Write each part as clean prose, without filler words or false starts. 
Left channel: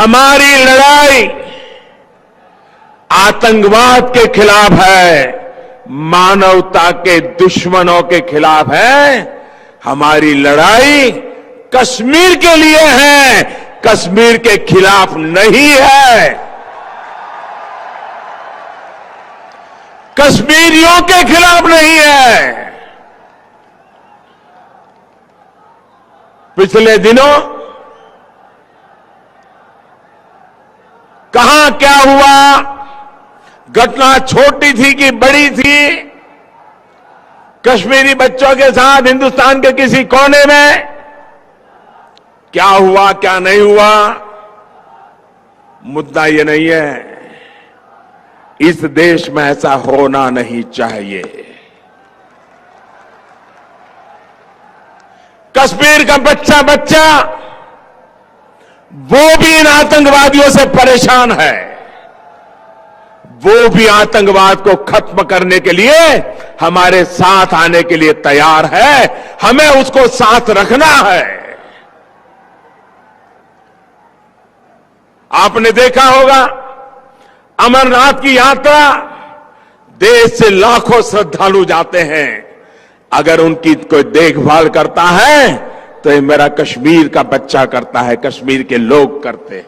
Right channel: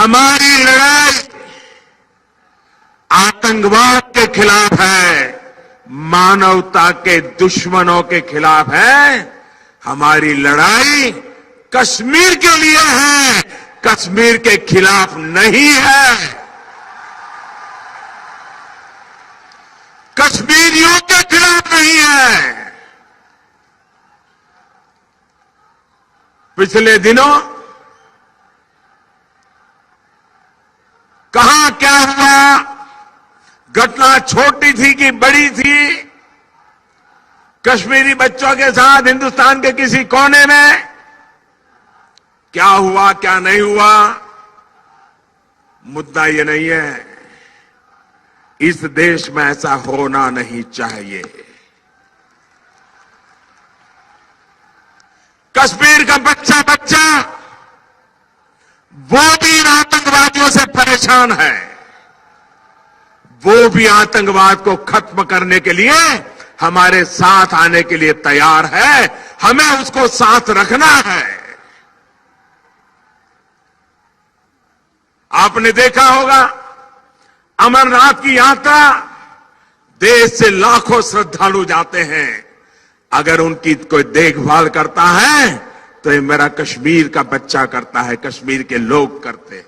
हमारी लड़ाई आतंकवाद के खिलाफ है, मानवता के दुश्मनों के खिलाफ है। हमारी लड़ाई कश्मीर के लिए है, कश्मीर के खिलाफ नहीं है, कश्मीरियों के खिलाफ नहीं है। पिछले दिनों कहां क्या हुआ, घटना छोटी थी कि बड़ी थी, कश्मीरी बच्चों के साथ हिंदुस्तान के किसी कोने में क्या हुआ क्या नहीं हुआ, मुद्दा ये नहीं है। इस देश में ऐसा होना नहीं चाहिए। कश्मीर का बच्चा बच्चा वो भी इन आतंकवादियों से परेशान है, वो भी आतंकवाद को खत्म करने के लिए हमारे साथ आने के लिए तैयार है। हमें उसको साथ रखना है। आपने देखा होगा अमरनाथ की यात्रा, देश से लाखों श्रद्धालु जाते हैं। अगर उनकी कोई देखभाल करता है तो ये मेरा कश्मीर का बच्चा करता है, कश्मीर के लोग करते हैं।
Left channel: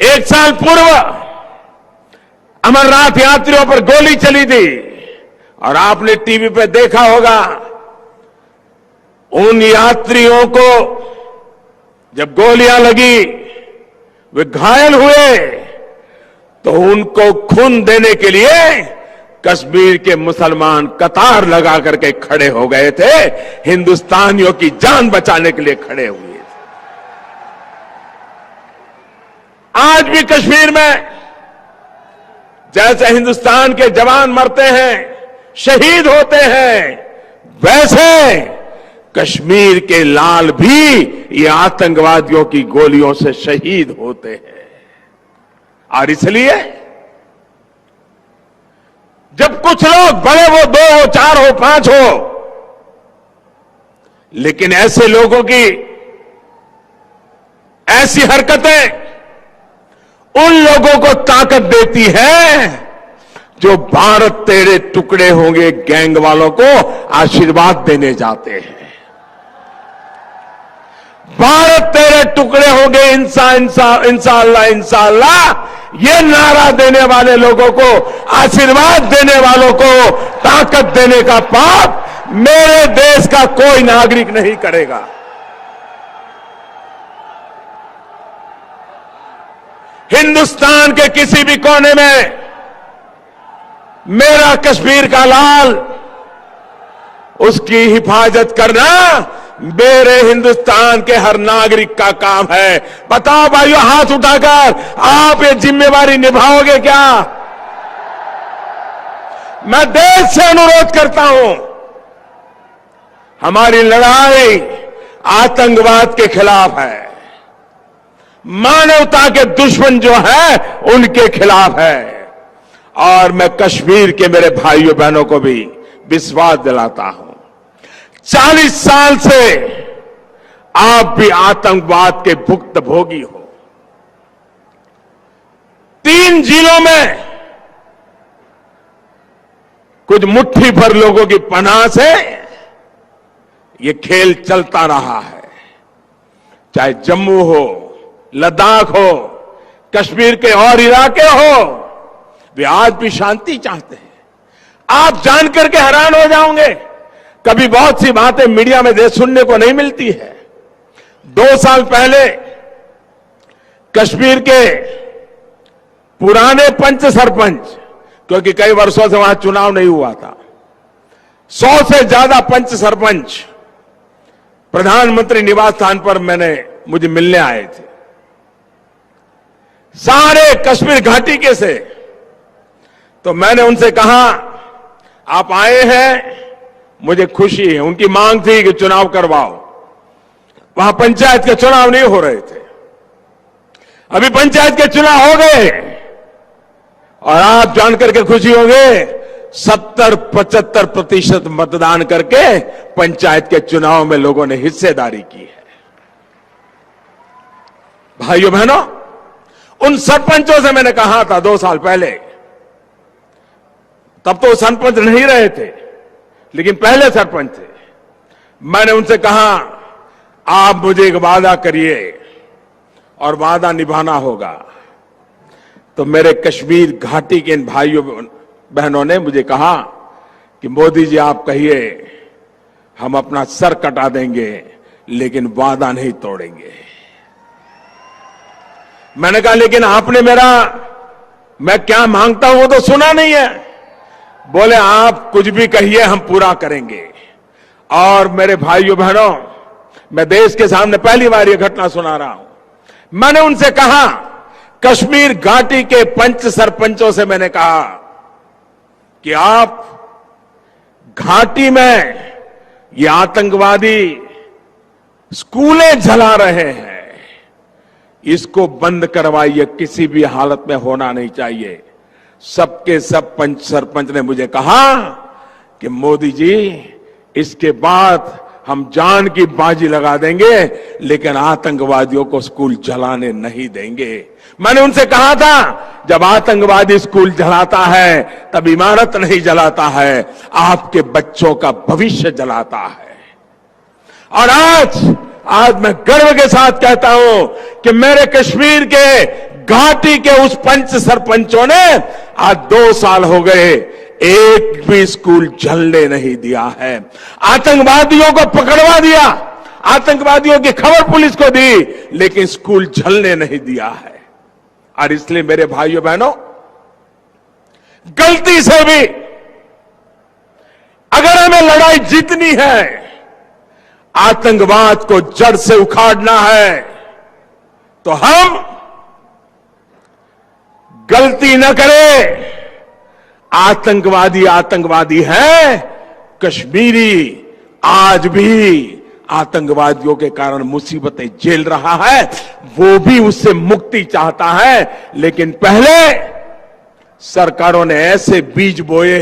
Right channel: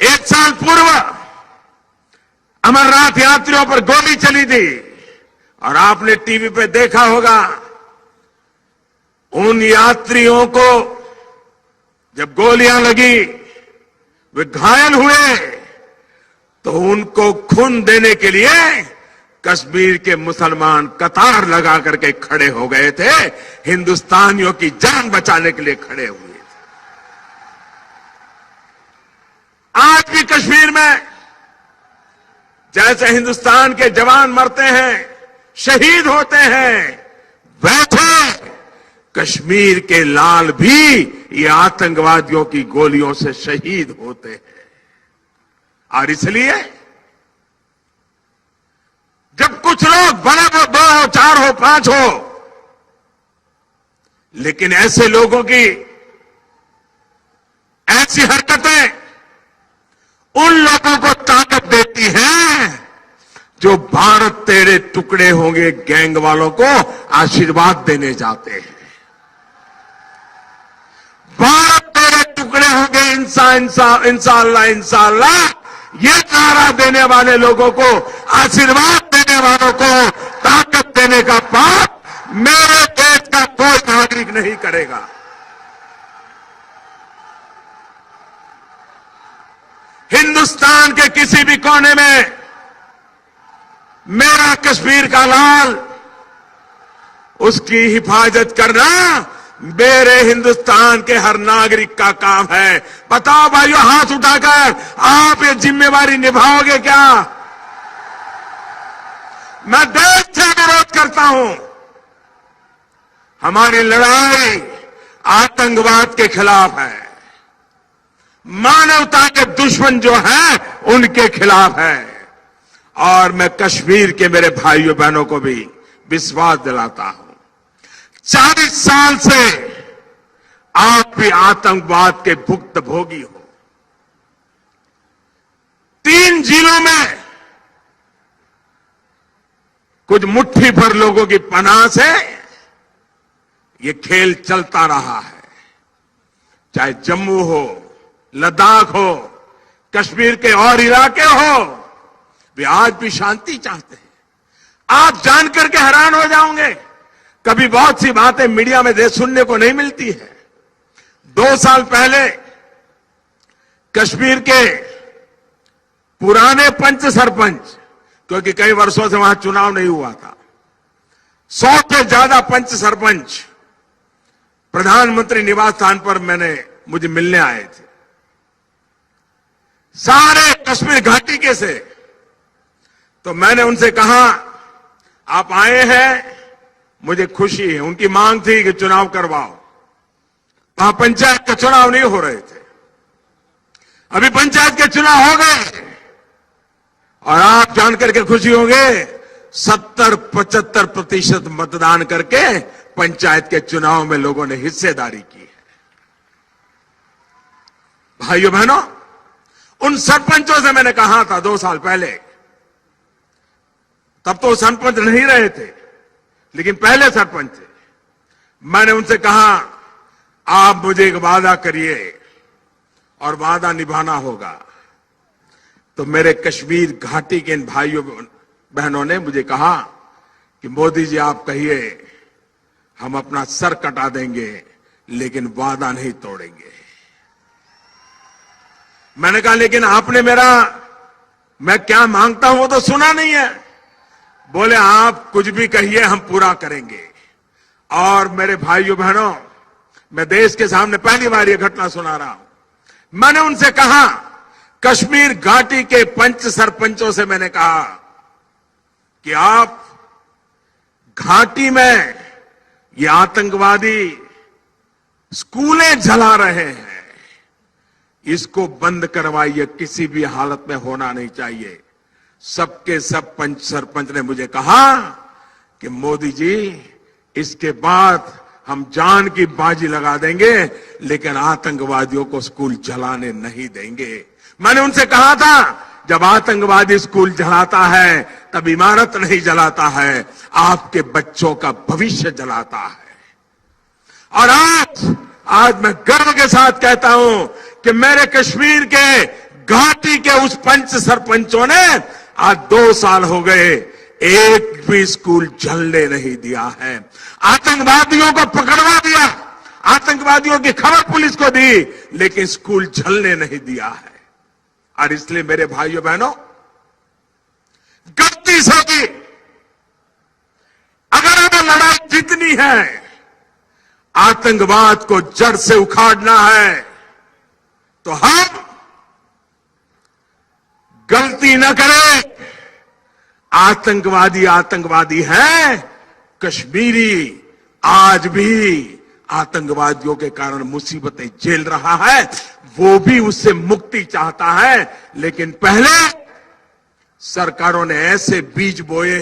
एक साल पूर्व अमरनाथ यात्रियों पर गोली चली थी और आपने टीवी पे देखा होगा। उन यात्रियों को जब गोलियां लगी, वे घायल हुए, तो उनको खून देने के लिए कश्मीर के मुसलमान कतार लगा करके खड़े हो गए थे, हिंदुस्तानियों की जान बचाने के लिए खड़े हुए थे। आज भी कश्मीर में जैसे हिंदुस्तान के जवान मरते हैं, शहीद होते हैं, वैसे कश्मीर के लाल भी ये आतंकवादियों की गोलियों से शहीद होते हैं। और इसलिए जब कुछ लोग, भले वो 2 हो, 4 हो, 5 हो, लेकिन ऐसे लोगों की ऐसी हरकतें उन लोगों को ताकत देती है जो भारत तेरे टुकड़े होंगे गैंग वालों को आशीर्वाद देने जाते हैं। भारत तेरे टुकड़े होंगे इंशाअल्लाह इंशाअल्लाह, ये नारा देने वाले लोगों को, आशीर्वाद देने वालों को ताकत देने का पाप मेरे देश का कोई नागरिक नहीं करेगा। हिंदुस्तान के किसी भी कोने में मेरा कश्मीर का लाल, उसकी हिफाजत करना मेरे हिंदुस्तान के हर नागरिक का काम है। बताओ भाइयों, हाथ उठाकर आप ये जिम्मेवारी निभाओगे क्या? मैं देश से अनुरोध करता हूं, हमारी लड़ाई आतंकवाद के खिलाफ है, मानवता के दुश्मन जो है उनके खिलाफ है। और मैं कश्मीर के मेरे भाइयों बहनों को भी विश्वास दिलाता हूं, 40 साल से आप भी आतंकवाद के भुक्तभोगी हो। 3 जिलों में कुछ मुट्ठी भर लोगों की पनाह से ये खेल चलता रहा है। चाहे जम्मू हो, लद्दाख हो, कश्मीर के और इलाके हो, वे आज भी शांति चाहते हैं। आप जानकर के हैरान हो जाओगे, कभी बहुत सी बातें मीडिया में सुनने को नहीं मिलती है। 2 साल पहले कश्मीर के पुराने पंच सरपंच, क्योंकि कई वर्षों से वहां चुनाव नहीं हुआ था, 100 से ज्यादा पंच सरपंच प्रधानमंत्री निवास स्थान पर मुझे मिलने आए थे। सारे कश्मीर घाटी के से। तो मैंने उनसे कहा, आप आए हैं, मुझे खुशी है। उनकी मांग थी कि चुनाव करवाओ। वहां पंचायत के चुनाव नहीं हो रहे थे, अभी पंचायत के चुनाव हो गए। और आप जानकर के खुशी होंगे, 70-75% मतदान करके पंचायत के चुनाव में लोगों ने हिस्सेदारी की है। भाइयों बहनों, उन सरपंचों से मैंने कहा था 2 साल पहले, तब तो सरपंच नहीं रहे थे, लेकिन पहले सरपंच थे। मैंने उनसे कहा, आप मुझे एक वादा करिए और वादा निभाना होगा। तो मेरे कश्मीर घाटी के इन भाइयों बहनों ने मुझे कहा कि मोदी जी आप कहिए, हम अपना सर कटा देंगे लेकिन वादा नहीं तोड़ेंगे। मैंने कहा, लेकिन आपने मैं क्या मांगता हूं वो तो सुना नहीं है। बोले, आप कुछ भी कहिए हम पूरा करेंगे। और मेरे भाइयों बहनों, मैं देश के सामने पहली बार ये घटना सुना रहा हूं। मैंने उनसे कहा, कश्मीर घाटी के पंच सरपंचों से मैंने कहा कि आप घाटी में ये आतंकवादी स्कूलें जला रहे हैं, इसको बंद करवाइए, किसी भी हालत में होना नहीं चाहिए। सबके सब पंच सरपंच ने मुझे कहा कि मोदी जी, इसके बाद हम जान की बाजी लगा देंगे लेकिन आतंकवादियों को स्कूल जलाने नहीं देंगे। मैंने उनसे कहा था, जब आतंकवादी स्कूल जलाता है तब इमारत नहीं जलाता है, आपके बच्चों का भविष्य जलाता है। और आज मैं गर्व के साथ कहता हूं कि मेरे कश्मीर के घाटी के उस पंच सरपंचों ने आज 2 साल हो गए, एक भी स्कूल जलने नहीं दिया है। आतंकवादियों को पकड़वा दिया, आतंकवादियों की खबर पुलिस को दी, लेकिन स्कूल जलने नहीं दिया है। और इसलिए मेरे भाइयों बहनों, गलती से भी अगर हमें लड़ाई जीतनी है, आतंकवाद को जड़ से उखाड़ना है, तो हम गलती न करें। आतंकवादी है, कश्मीरी आज भी आतंकवादियों के कारण मुसीबतें झेल रहा है, वो भी उससे मुक्ति चाहता है। लेकिन पहले सरकारों ने ऐसे बीज बोए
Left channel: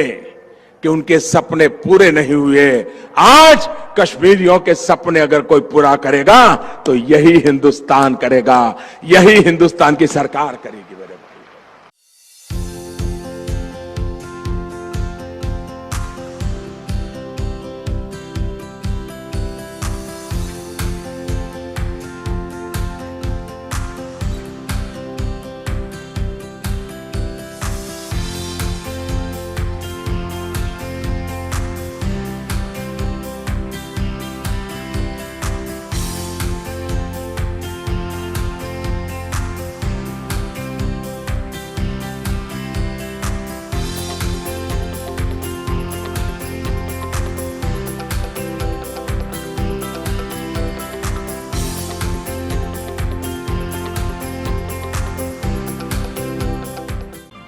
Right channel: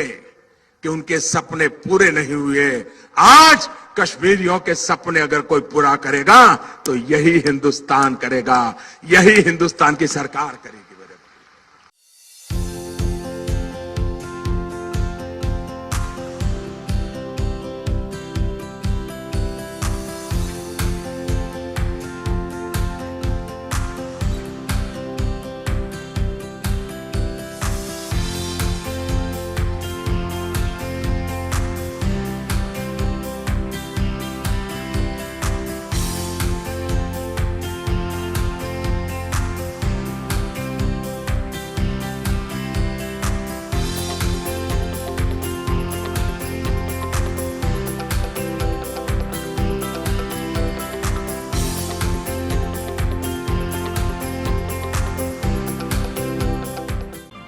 कि उनके सपने पूरे नहीं हुए। आज कश्मीरियों के सपने अगर कोई पूरा करेगा तो यही हिंदुस्तान करेगा, यही हिंदुस्तान की सरकार करेगी। मेरे भाई,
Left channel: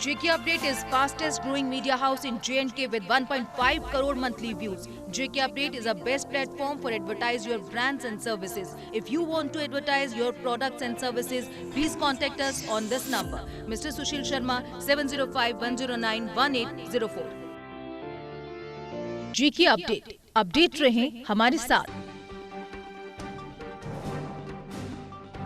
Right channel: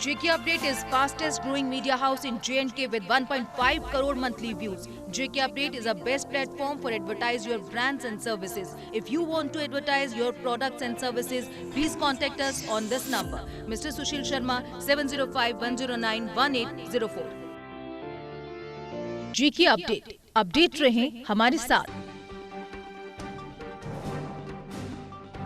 JK Update is fastest growing media house in J&K with 1.5 crore monthly views. JK Update is a best platform for advertise your brands and services. If you want to advertise your products and services, please contact us on this number. Mr. Sushil Sharma, 705-109-1804. JK Update. Update रहें हमारे साथ।